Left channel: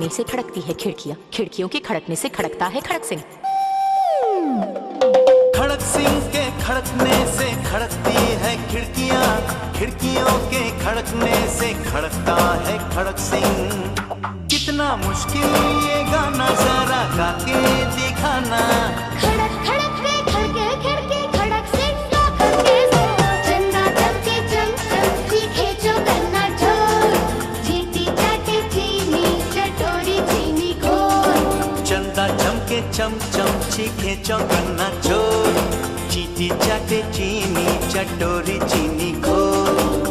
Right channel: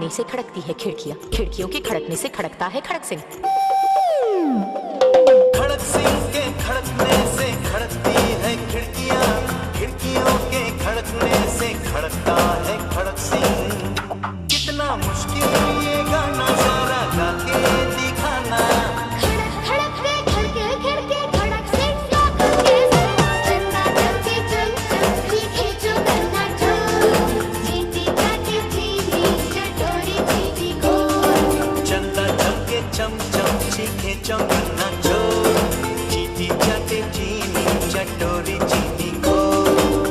खड़कने से खड़कती है खिड़कियां, खिड़कियों के खड़कने से खड़कता है खड़क सिंह। खड़क सिंह के खड़कने से खड़कती है खिड़कियां, खिड़कियों के खड़कने से खड़कता है खड़क सिंह। कितना मुश्किल ये गाना जरा गा के दिखाना। खड़क खड़क के खड़के खिड़के खड़क सिंह का खड़के चंदा चमके चम चम चीखे जो गन्ना चोर चीटी चाटी चीनी चटोरी चीनी खोर। चंदा चमके चम चम चीखे चौगन्ना चोर चीटी चाटे चीनी चटोरी चीनी खोर।